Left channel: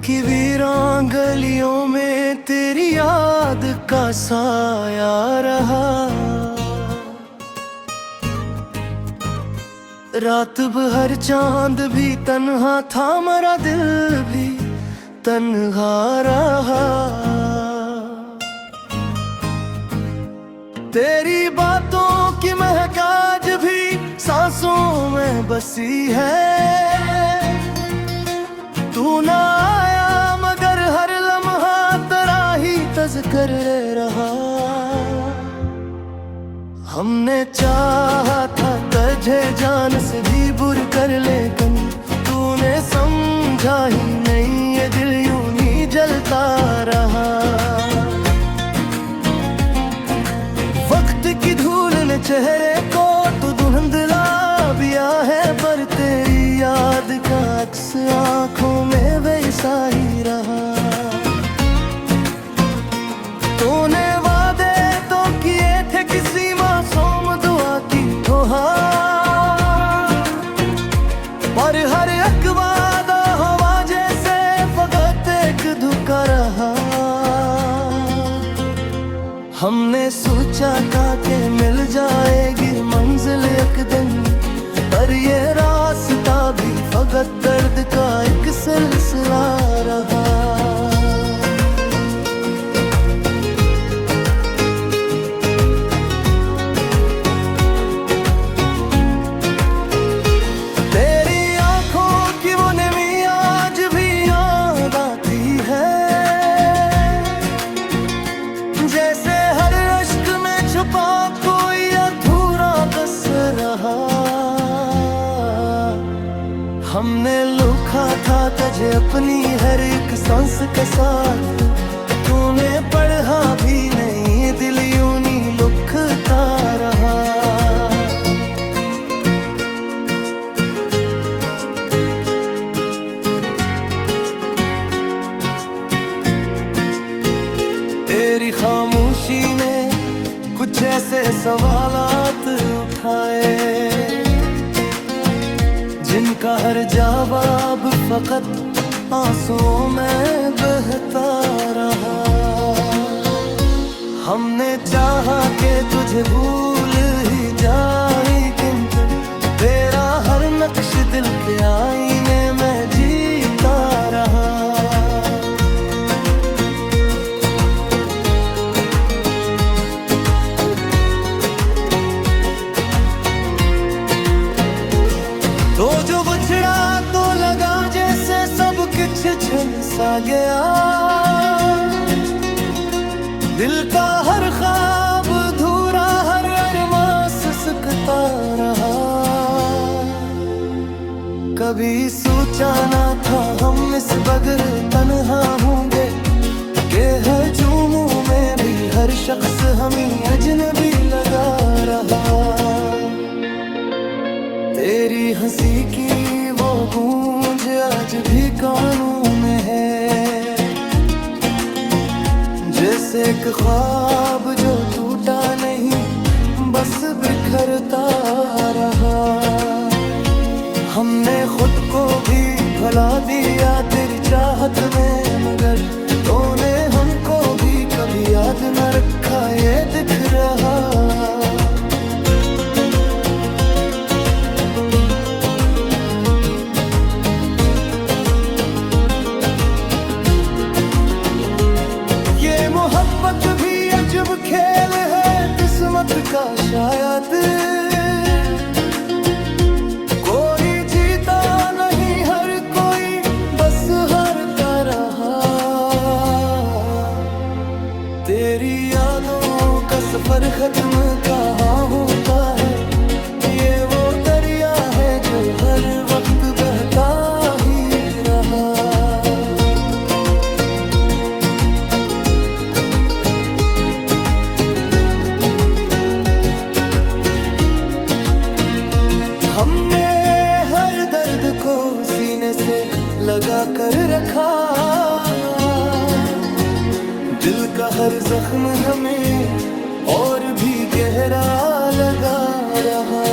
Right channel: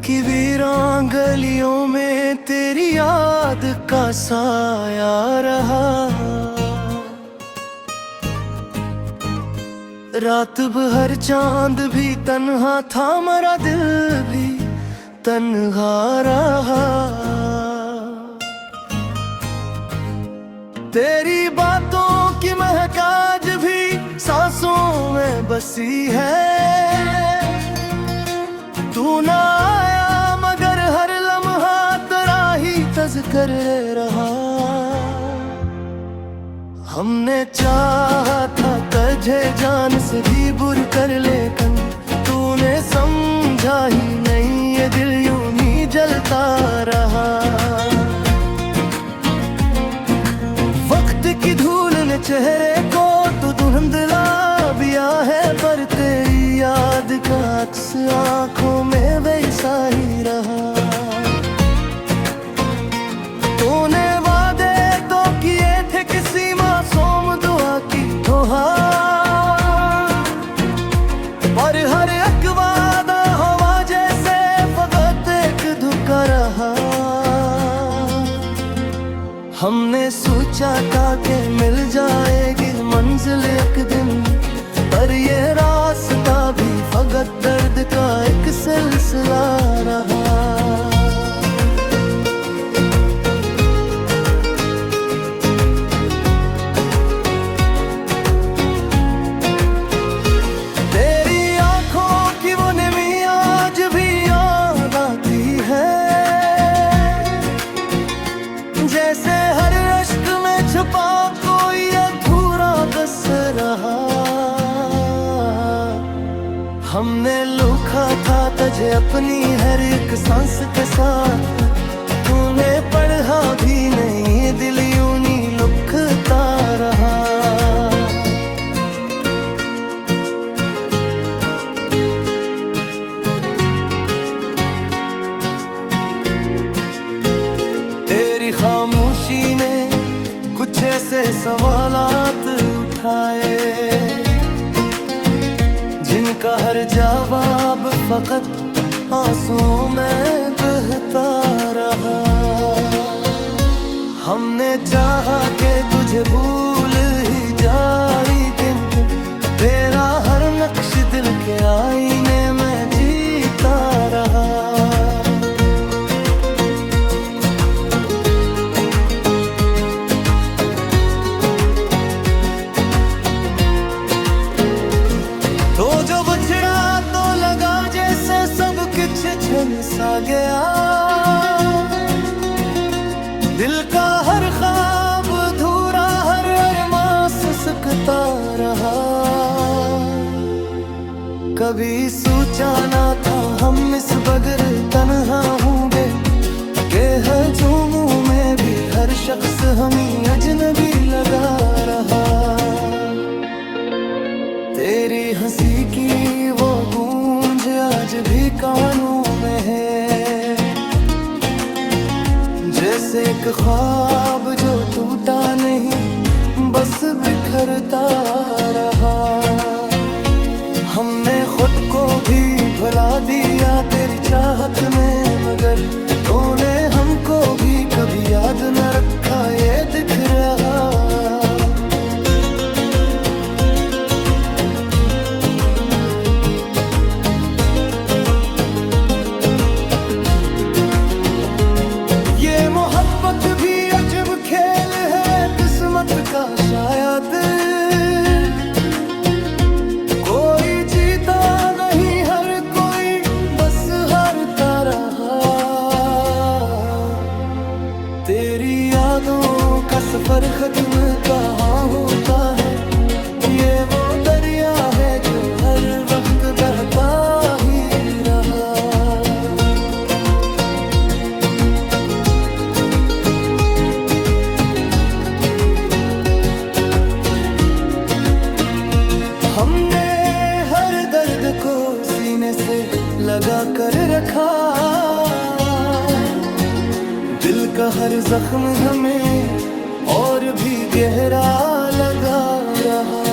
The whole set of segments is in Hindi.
की वीरान गलियों में तेरी याद का साया रहा। रात भर चांद भी तन्हा था, मेरा दिल भी तन्हा रहा। तेरी बातों की महक आज भी सांसों में बसी है। तू ना आया मगर हर लम्हा तेरा ही तज़किर रहा। हमने चाहा था तुझे जान से भी बुर कर, लेकिन तूने समझा ही नहीं, ये दिल यूं ही जलता रहा। वक्त की धूल ने चेहरे को तो धुंधला दिया है, पर तेरी याद का अक्स आंखों में वैसा ही रहा। तूने वादे तो किए थे किसी मासूम दुआ की तोहार, पर हर एक वादा हवा जैसे फकत एक धोखा रहा। हमने सोचा था कि मिल जाएगी मंजिल एक दिन, पर ये रास्ता भी फकत दर्द का एक सिलसिला रहा। तेरी आंखों की वो नमी आज भी याद आती है, जैसे हर अश्क में छुपा कोई अधूरा बस रहा। हमने लुखा था तुझे अपनी हर एक सांस के साथ, तूने पढ़ा भी नहीं, दिल यूं ही लुखता रहा। तेरी खामोशी ने कुछ ऐसे सवालात उठाए, जिनका हर जवाब फकत आंसुओं में बहता रहा। हमने चाहा कि तुझे भूल ही जाए, किंतु तेरा हर नक्श दिल के आईने में जीता रहा। तो जो बिछड़ा तो लगा जैसे सब कुछ छिन सा गया, दिल का हर ख्वाब अधूरा, हर अरमां सिसकता रहा। कभी सोचा ना था हम इस बगैर तन्हा होंगे, के हजूमों में भी हर शख्स हमें अजनबी लगा रहा। तेरी हंसी की वो गूंज आज भी कानों में है, जैसे एक ख्वाब जो टूटा नहीं बस बिखरता रहा। हमने खुद को भी भुला दिया तेरी चाहत में, मगर तूने हमको भी कभी याद न रखा, ये दिख रहा। मोहब्बत भी अजब खेल है किस्मत का शायद, कोई जीता नहीं हर कोई बस हारता रहा। तेरी यादों का सफर खत्म कहाँ होता है, ये वो दरिया है जो हर वक्त बहता ही रहा। हमने हर दर्द को सीने से लगा कर रखा, दिल का हर जख्म हमें और भी गहरा लगा रहा।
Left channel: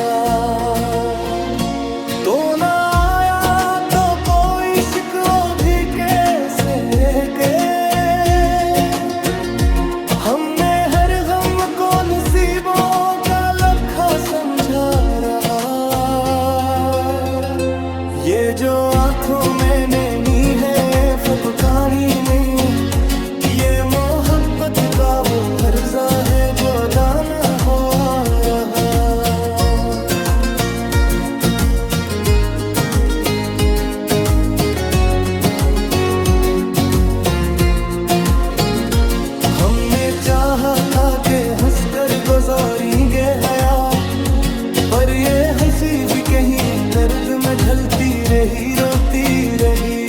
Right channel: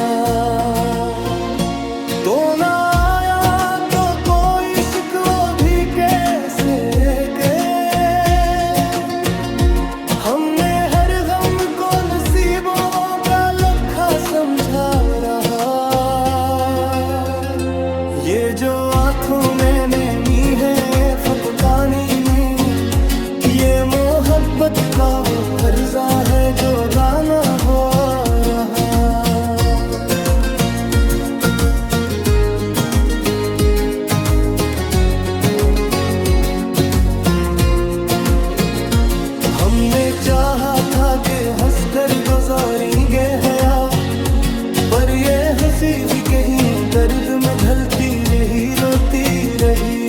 तो ना आया तो कोई शिकवा भी कैसे के। हमने हर गम को नसीबों का लखा समझा रहा। ये जो आंखों में नेमी है फपकानी नहीं, ये मोहब्बत का वो हर्जा है जो दाना हो रहा। हमने चाहा था कि हंसकर गुजारेंगे हया, पर ये हंसी भी कहीं दर्द में ढलती रही, रोती रही।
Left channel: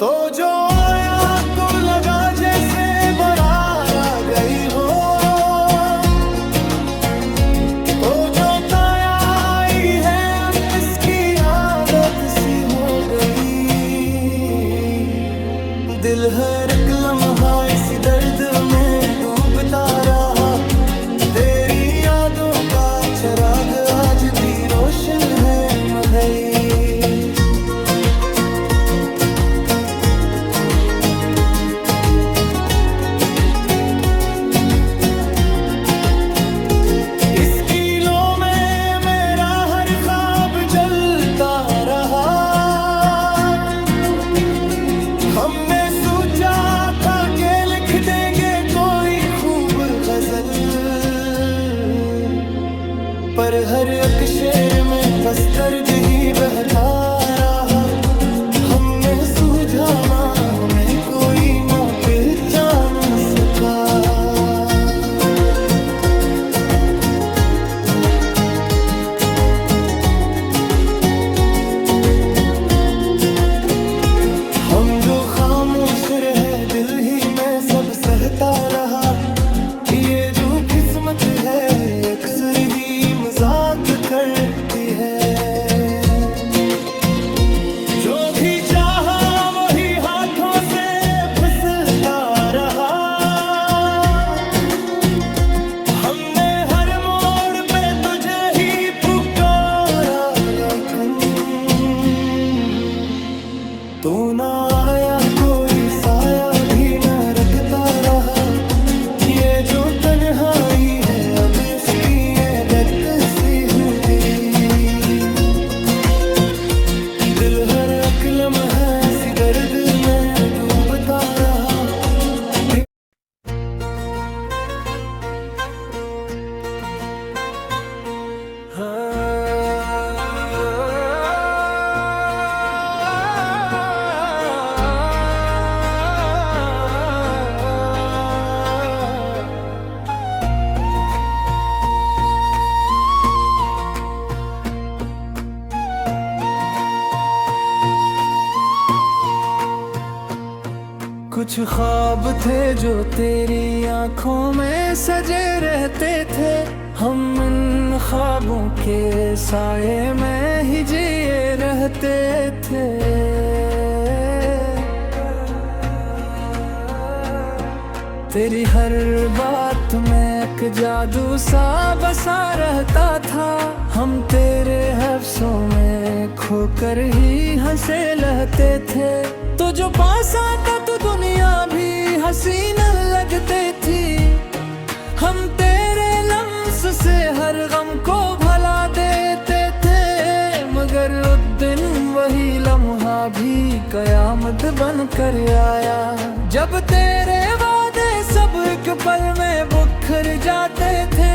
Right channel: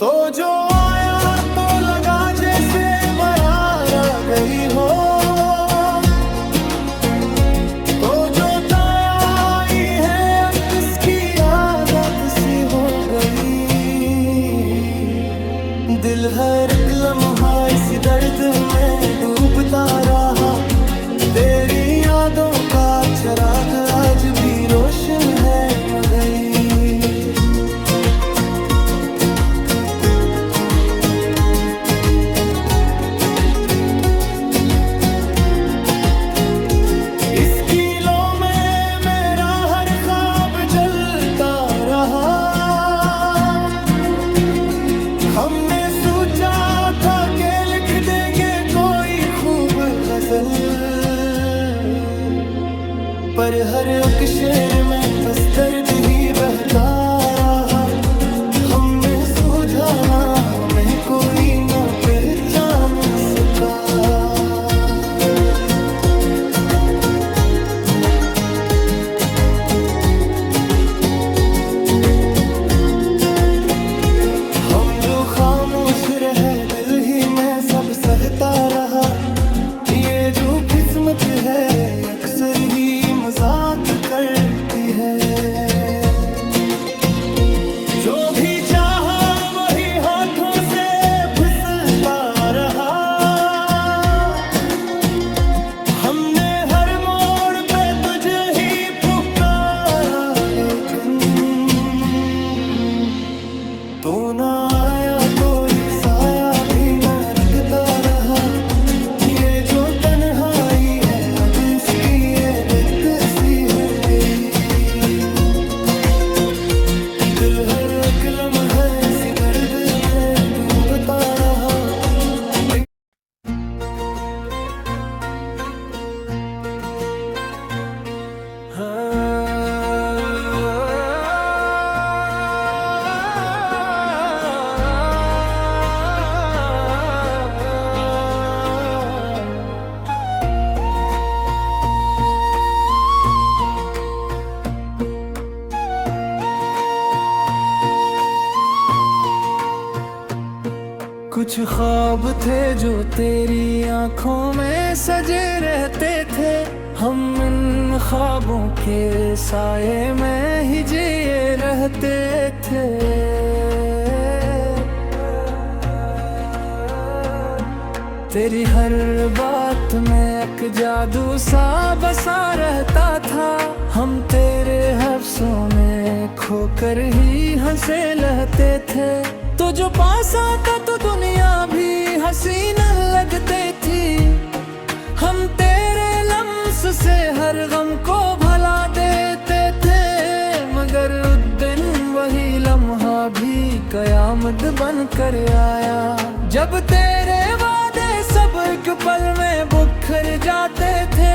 तो जो आया तो लगा जैसे बारात आ गई हो, तो जो ताया आई है अब इसकी आदत सी हो गई। दिल हर एक लम्हा इसी दर्द में डूबता रहा। तेरी यादों का चिराग आज भी रोशन है मगर इस किलो में मेरा हर ख्वाब जलता रहा। हमने सोचा था कि लिख देंगे कोई खूब गजल, पर हर एक शेर में बस दर्द ही बहता रहा। हमने सूझा ना हमें कोई ना पहचान सका। हम जो खामोश रहे दिल ही में सब सहता रहा। ये जो किस्मत है अक्सर ही मजाक करती है। जो भी चाहा वही हाथों से फिसलता रहा। हमने हर मोड़ पे तुझे ही पुकारा, लेकिन तू ना आया, कोई साया भी न रखता रहा। ये जो तन्हाई है अब इसकी आदत सी हो गई। दिल हर एक लम्हा सी दर्द में डूबता रहा। कुछ ख्वाब थे जो तेरी आंखों में सजे रहते थे। हम इन ख्वाबों के साए में ही जिए रहते थे। तेरी हर बात में एक जादू सा बसा रहता था। हम तेरे हफ्सों में खोकर ही हंसे रहते थे। तो जो पास आता तो दुनिया भी हसीन लगते थी। हम तेरे लम्स से हर गम को भुला देते थे, मगर उस दिन वही लम्हा भी कयामत बन कर आया। जब तेरे वादे सब एक पल में बिखर जाते थे।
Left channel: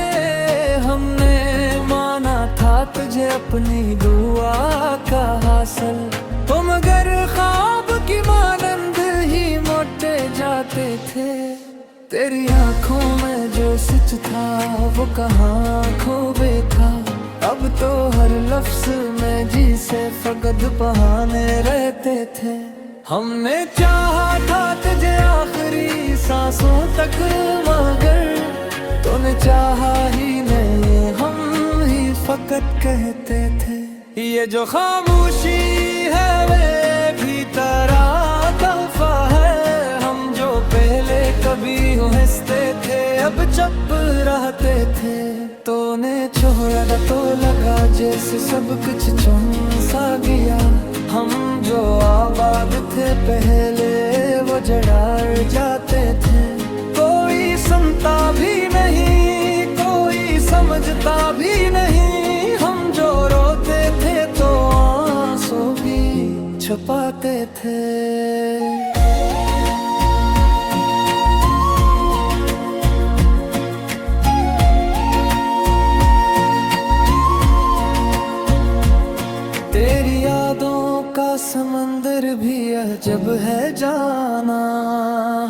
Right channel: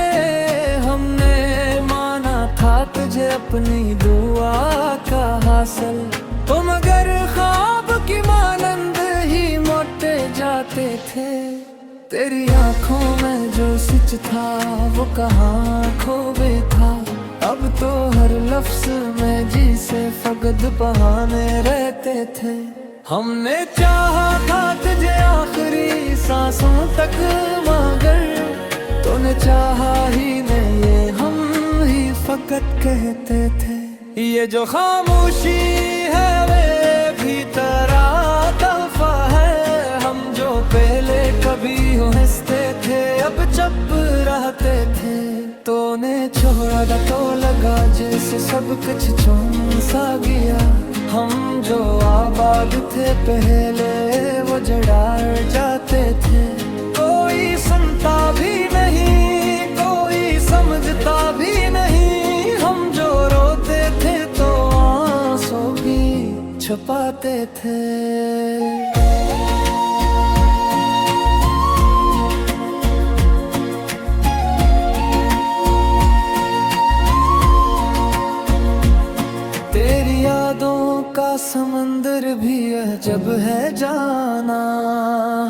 हमने माना था तुझे अपनी दुआ का हासिल, तो मगर ख्वाब की मानंद ही मोटे जाते थे। तेरी आंखों में जो सच था वो कहाँ खोबे था। अब तो हर लफ्ज में जी से फकद बहाने रहते थे। हमने चाहा था तुझे आखिरी सांसों तक, मगर तूने चाहा ही नहीं, ये हम ही फकत कहते थे। ये जो खामोशी है वे भी तेरा तोहफा है। हम जो पहले कभी हंसते थे अब चुप रहते थे। तूने छोड़ा था तो लगा जैसे सब कुछ चुन सा गया। हम जो आबाद थे पहले वो जड़ा जाते थे। कोई सुनता भी नहीं कोई समझता भी नहीं। हम जो रोते थे तो आंसू भी छुपाते थे। तेरी यादों का समंदर भी अजब है जाना।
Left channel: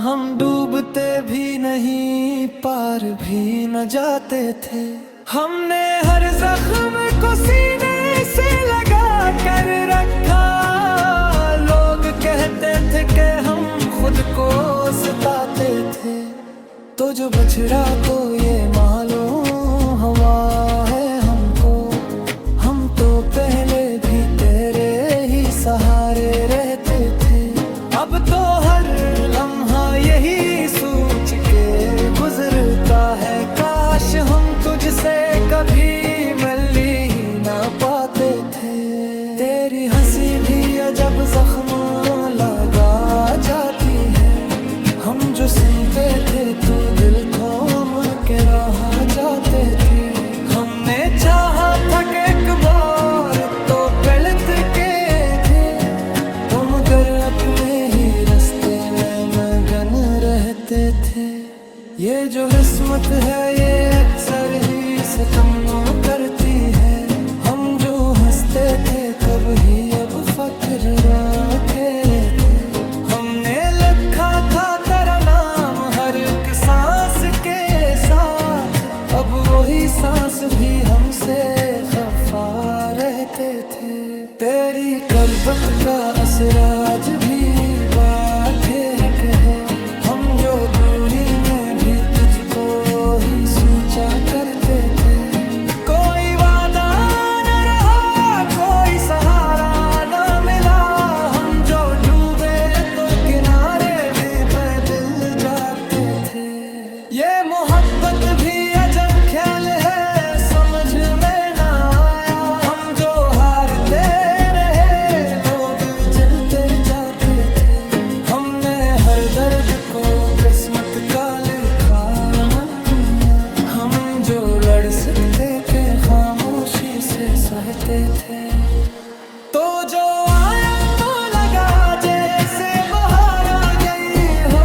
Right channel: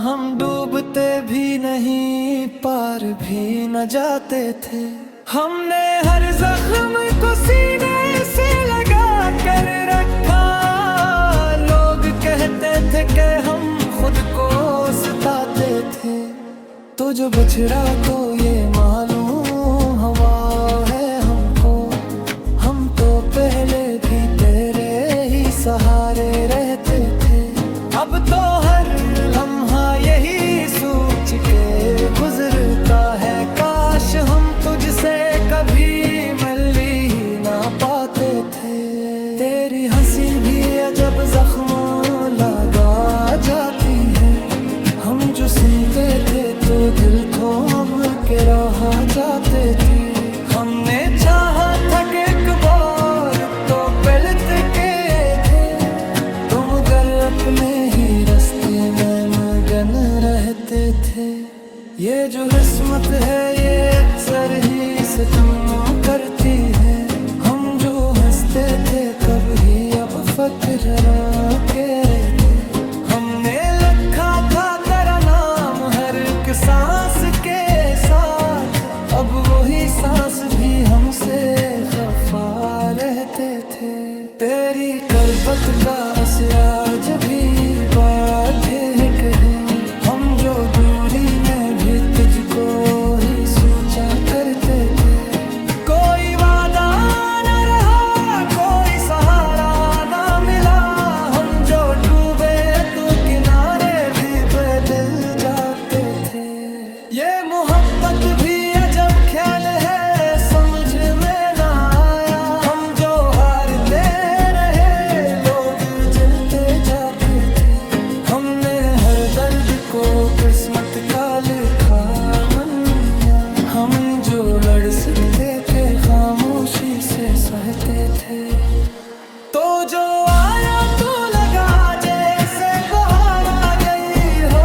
हम डूबते भी नहीं पार भी न जाते थे। हमने हर जख्म को सीने से लगा कर रखा। लोग कहते थे कि हम खुद को सताते थे। तो जो बछड़ा तो ये मालूम हवा है हमको। हम तो पहले भी तेरे ही सहारे रहते थे। अब तो हर लम्हा यही सोच के गुजरता है काश हम तुझसे कभी मिल ही ना पाते थे। तेरी हंसी भी अजब जख्म लगा जाती है। हम जो सुनते थे तो दिल थोम के रहा जाते थे। हमने चाहा था कि एक बार तो पलट के थे। तुम घर अपने ही रास्ते में मगन रहते थे। ये जो किस्मत है ये अक्सर ही सितम करती है। हम जो हंसते थे कभी अब फक्र के रहते। हमने लिखा था तेरा नाम हर एक सांस के साथ। अब वही सांस भी हमसे खफा रहते थे। तेरी करबत का असर आज भी बाधिक है। हम जो दूरी में भी तुझको ही सोचा करते थे। कोई वादा न रहा कोई सहारा न मिला। हम जो डूबे तो किनारे भी बदल जाते थे। ये मोहब्बत भी अजब ख्याल है समझ में ना आया। हम जो हारते रहे लोग जलते जाते थे। हमने हर दर्द को किस्मत का लिखा मन्या। हम जो लड़ सकते थे खामोशी से सहते थे। तो जो आया तो लगा जैसे बाहर आ गई हो।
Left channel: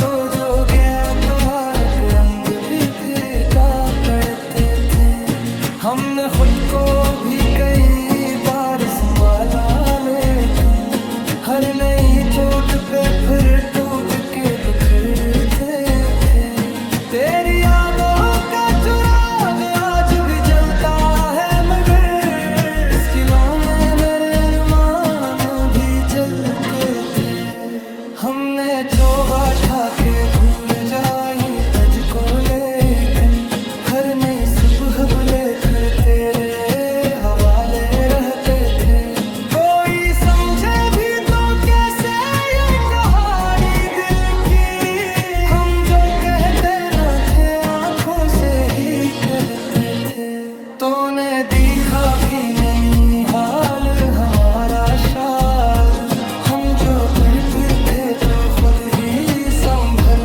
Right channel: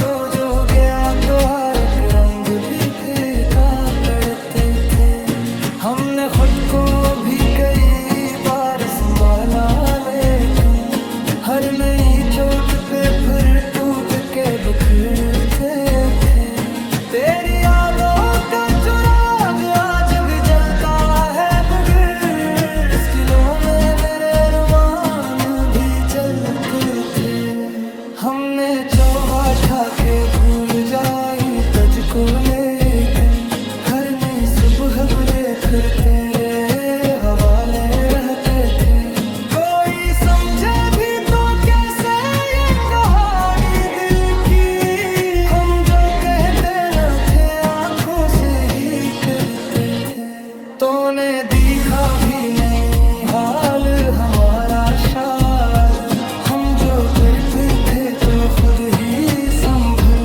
तो जो गया तो हर एक रंग भी फीका पड़ते थे। हमने खुद को भी कई बार संभाला लेकिन हर नई चोट पे फिर टूट के बिखरते थे। तेरी यादों का चिराग आज भी जलता है मगर इस किलों में मेरे अरमान भी जलते थे। हमने चौगाठा के भूल जाई तुझको लेकिन हर नई सुबह बुले फिर तेरे हवाले रहते थे। कोई समझे भी तो कैसे ये कहानी दिल की। हम जो कहते न थे आंखों से ही कहते थे। तूने देखा भी नहीं हाल हमारा शाद। हम जो कर थे तो खुद ही संभल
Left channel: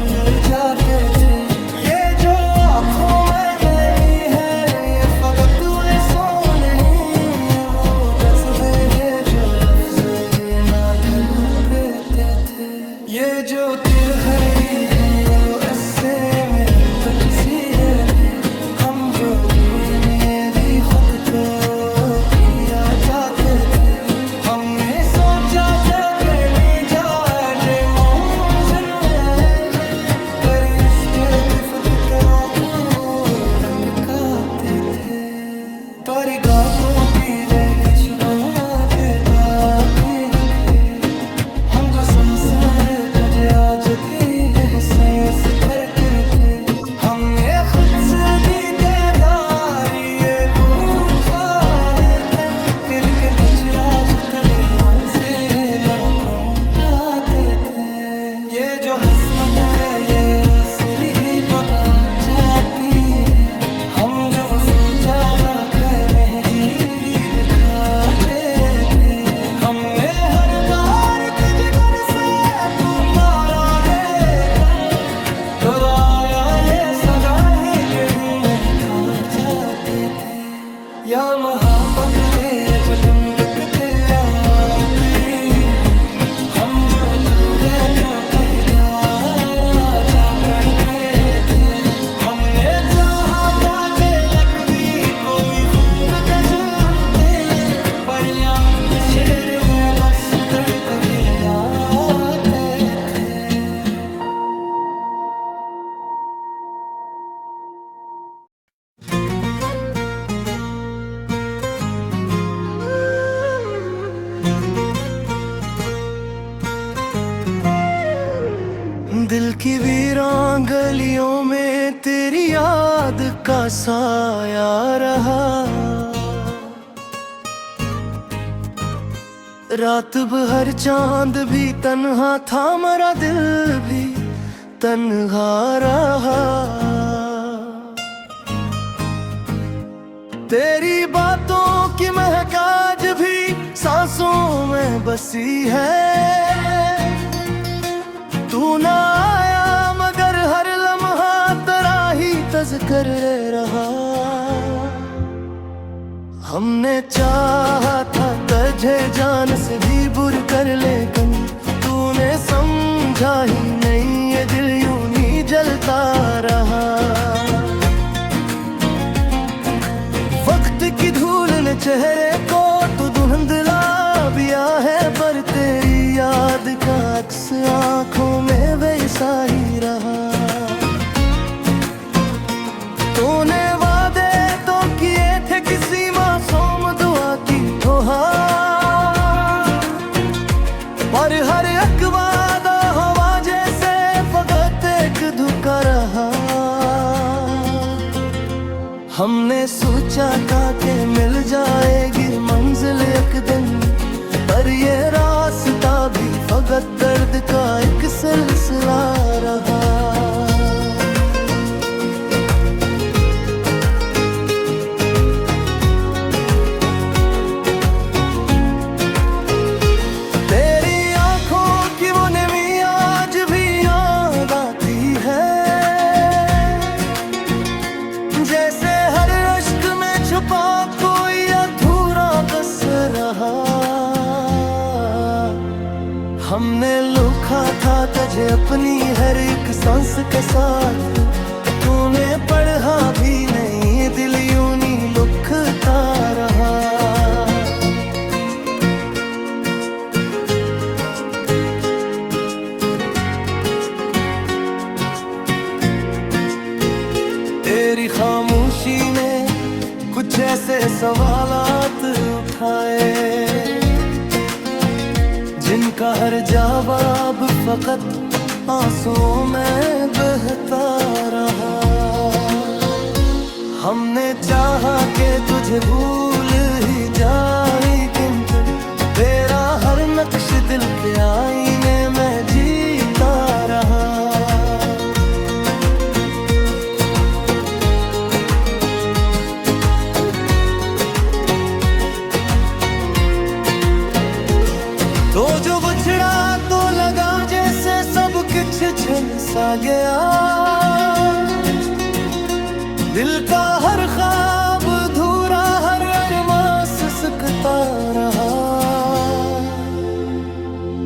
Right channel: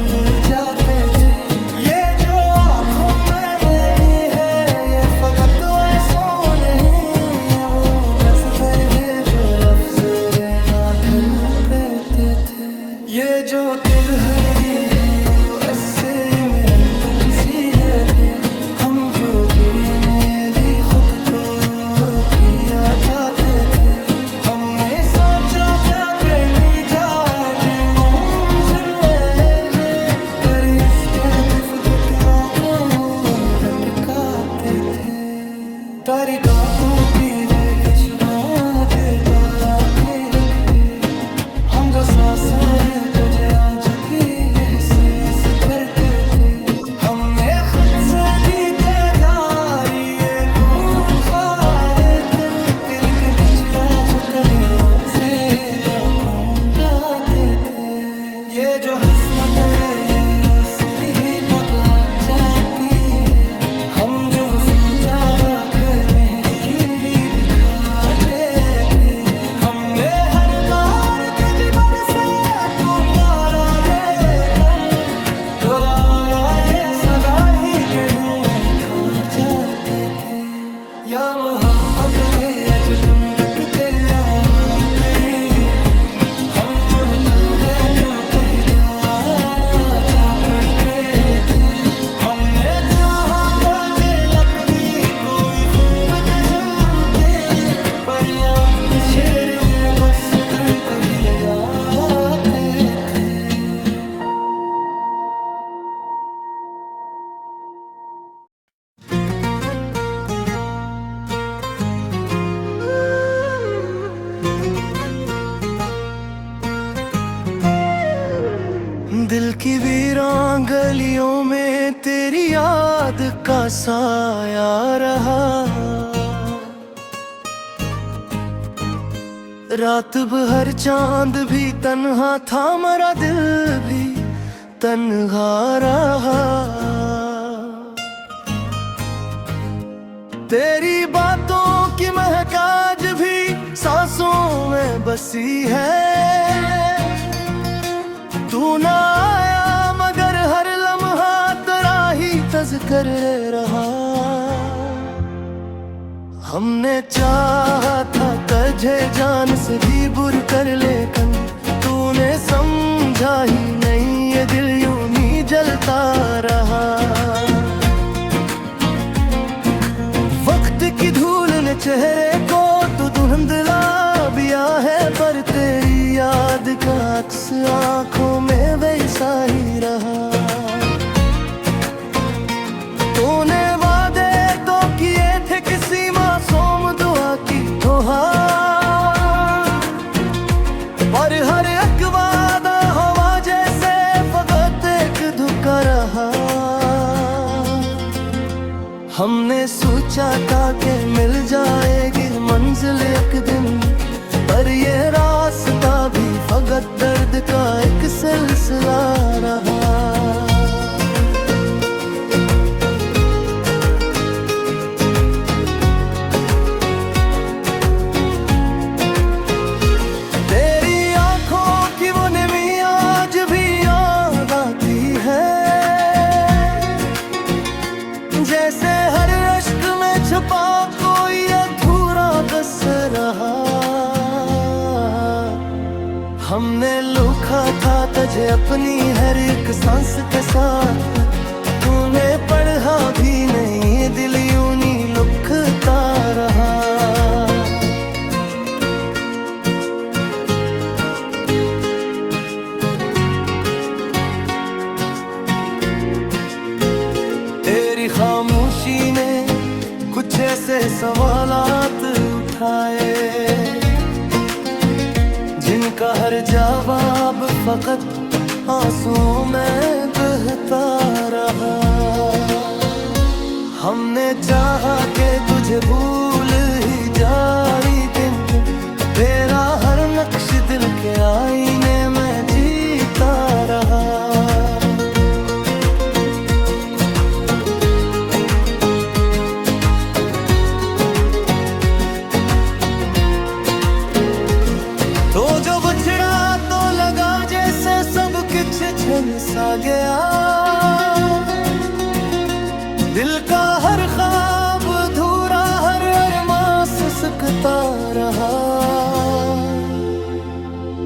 जाते थे। ये जो आँखों में मैनी है ये फकत ऐसो नहीं है। वो गज़बे है जो लफ्ज़ ना ढल पेते थे। ये जो दिल हरी है वो ऐसे में सी है थे। हम जो ने भी खुद को किया चाहते थे। हमने सोचा था कि निजात मंजिल है पर इसके भी फिक्रों को भटकाते थे। तारी गातों की वे विश्वास देता की रखे। हम जो सांसें तुझे आज भी एहसास करते थे। हमने खुद से जीते जारी ये पूछा है तन दिल के बछराज तले से लाखों गाते थे। ये जो हसमत है ये असरी ही बका जाती है। हम जो वो सोचा खरे जीरी दिखाते थे। हमने हर बार कज बरसे पुंगाला लेकर दोहराया ये सदा ही कहीं हार जाते थे। या महापत के अजब दकते यार करीब हम जो तो गए तो पहचार आजा पढ़ते थे। हमने चाहा था कि लक भी कोई खूब तजलते पर यहाँ शेर में बस दिल को गिर जाते थे। दिल की वीरान गलियों में तेरी याद का साया रहा। रात भर चांद भी तन्हा था मेरा दिल भी तन्हा रहा। तेरी बातों की महक आज भी सांसों में बसी है। तू ना आया मगर हर लम्हा तेरा ही तज़किर रहा। हमने चाहा था तुझे जान से भी बुर कर लेकिन तूने समझा ही नहीं ये दिल यूं ही जलता रहा। वक्त की धूल ने चेहरे को तो धुंधला दिया है पर तेरी याद का अक्स आंखों में वैसा ही रहा। तूने वादे तो किए थे किसी मासूम दुआ की तोहार पर हर एक वादा हवा जैसे फकत एक धोखा रहा। हमने सोचा था कि मिल जाएगी मंजिल एक दिन पर ये रास्ता भी फकत दर्द का एक सिलसिला रहा। तेरी आंखों की वो नमी आज भी याद आती है। जैसे हर अश्क में छुपा कोई अधूरा बस रहा। हमने लुखा था तुझे अपनी हर एक सांस के साथ। तूने पढ़ा भी नहीं दिल यूं नहीं लुकता रहा। तेरी खामोशी ने कुछ ऐसे सवालात उठाए जिनका हर जवाब फकत आंसुओं में बहता रहा। हमने चाहा कि तुझे भूल ही जाए किंतु तेरा हर नक्श दिल के आईने में जीता रहा। तो जो बिछड़ा तो लगा जैसे सब कुछ छिन सा गया। दिल का हर ख्वाब अधूरा हर अरमां सिसकता रहा।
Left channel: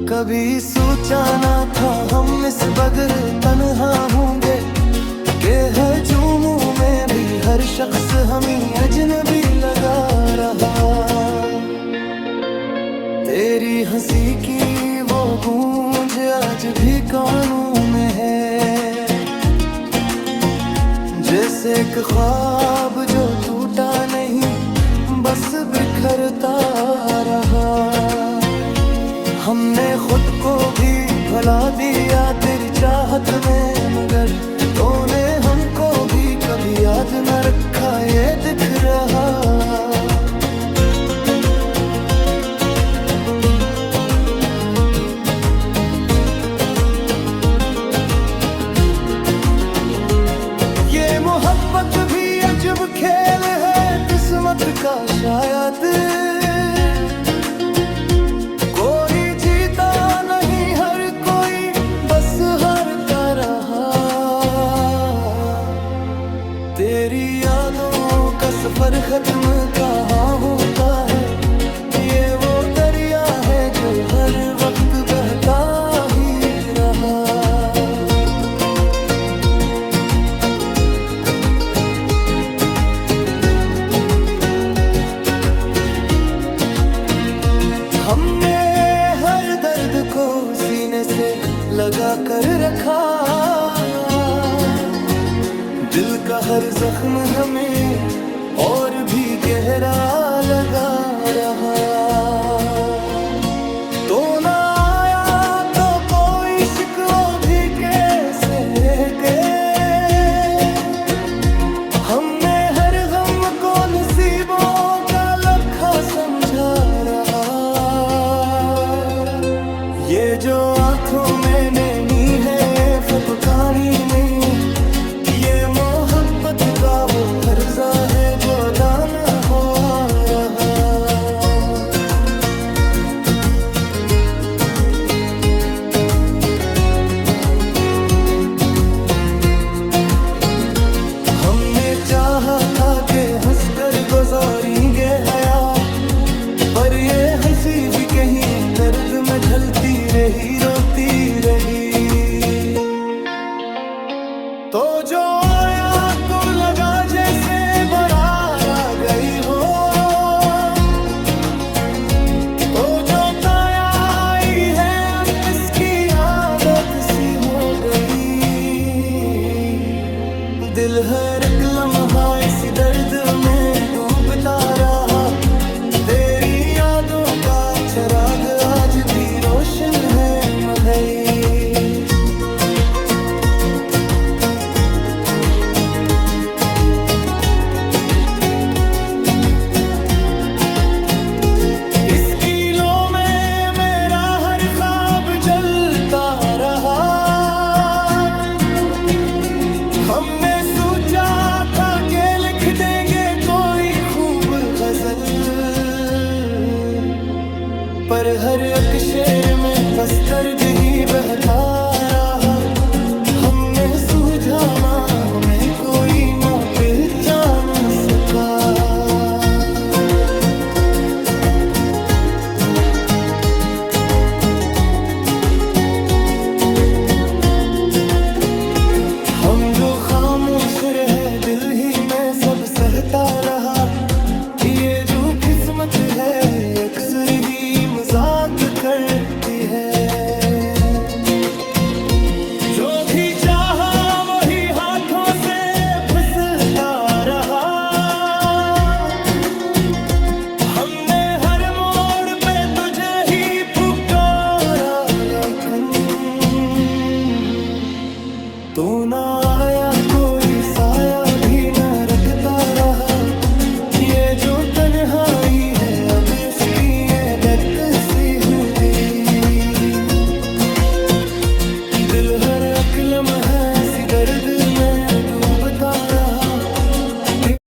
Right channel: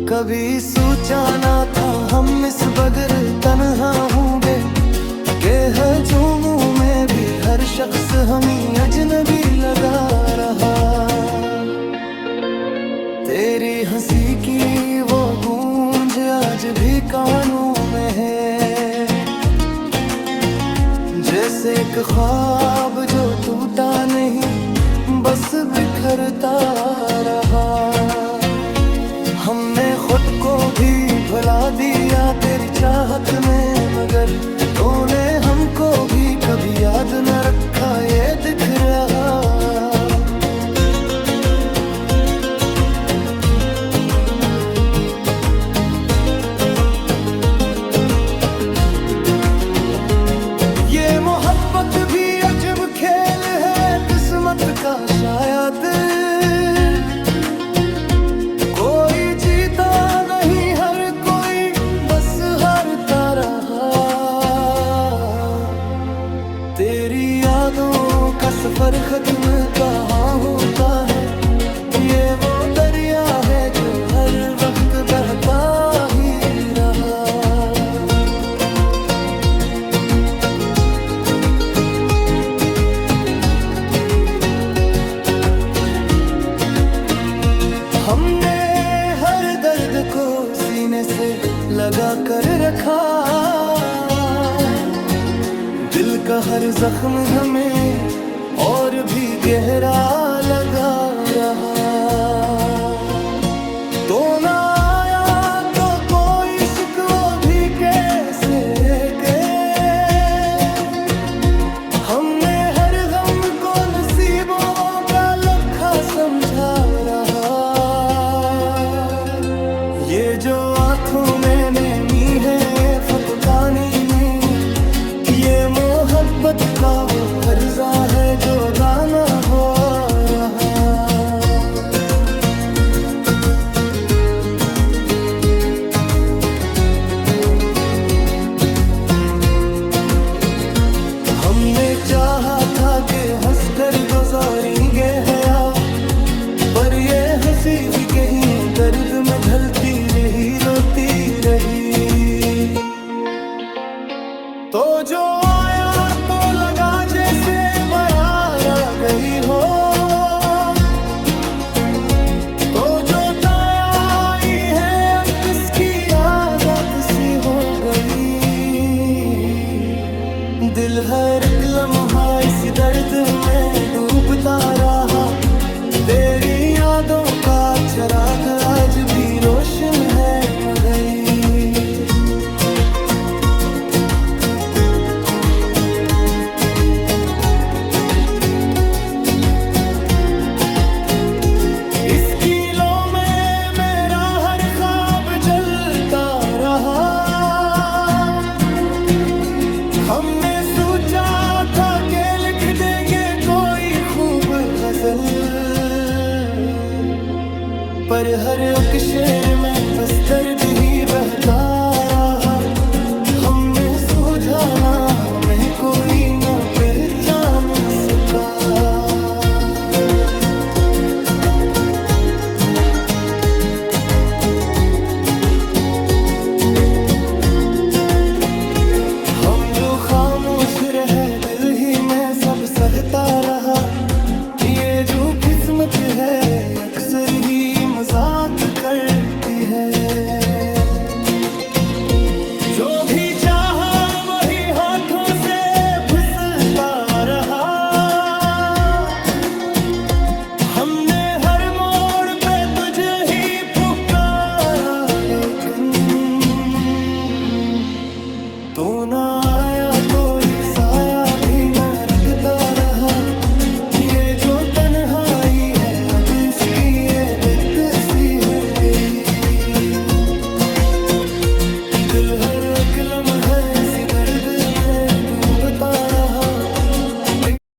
कभी सोचा ना था हम इस बगैर तन्हा होंगे के हजूमों में भी हर शख्स हमें अजनबी लगा रहा। तेरी हंसी की वो गूंज आज भी कानों में है। जैसे एक ख्वाब जो टूटा नहीं बस बिखरता रहा। हमने खुद को भी भुला दिया तेरी चाहत में मगर तूने हमको भी कभी याद न रखा ये दिख रहा। मोहब्बत भी अजब खेल है किस्मत का शायद, कोई जीता नहीं हर कोई बस हारता रहा। तेरी यादों का सफर खत्म कहाँ होता है, ये वो दरिया है जो हर वक्त बहता ही रहा। हमने हर दर्द को सीने से लगा कर रखा, दिल का हर जख्म हमें और भी गहरा लगा रहा। तो ना आया तो कोई शिकवा भी कैसे के, हमने हर गम को नसीबों का लखा समझा रहा। ये जो आंखों में नेमी है फपकानी नहीं, ये मोहब्बत का वो हर्जा है जो दाना हो रहा। हमने चाहा था कि हंसकर गुजारेंगे हया, पर ये हंसी भी कहीं दर्द में ढलती रही, रोती रही। तो जो आया तो लगा जैसे बारात आ गई हो, तो जो काया आई है अब इसकी आदत सी हो गई। दिल हर एक लम्हा इस दर्द में डूबता रहा, तेरी यादों का चिराग आज भी रोशन है मगर। इस किलो में मेरा हर ख्वाब जलता रहा, हमने सोचा था कि लिख देंगे कोई खूब गजल, पर हर एक शेर में बस दर्द ही बहता रहा। हमने सूझा ना हमें कोई ना पहचान सका। हम जो खामोश रहे दिल ही में सब सहता रहा, ये जो किस्मत है अक्सर ही मजाक करती है। जो भी चाहा वही हाथों से फिसलता रहा, हमने हर मोड़ पे तुझे ही पुकारा लेकिन तू ना आया, कोई साया भी न रखता रहा। ये जो तन्हाई है अब इसकी आदत सी हो गई। दिल हर एक लम्हा सी दर्द में डूबता रहा,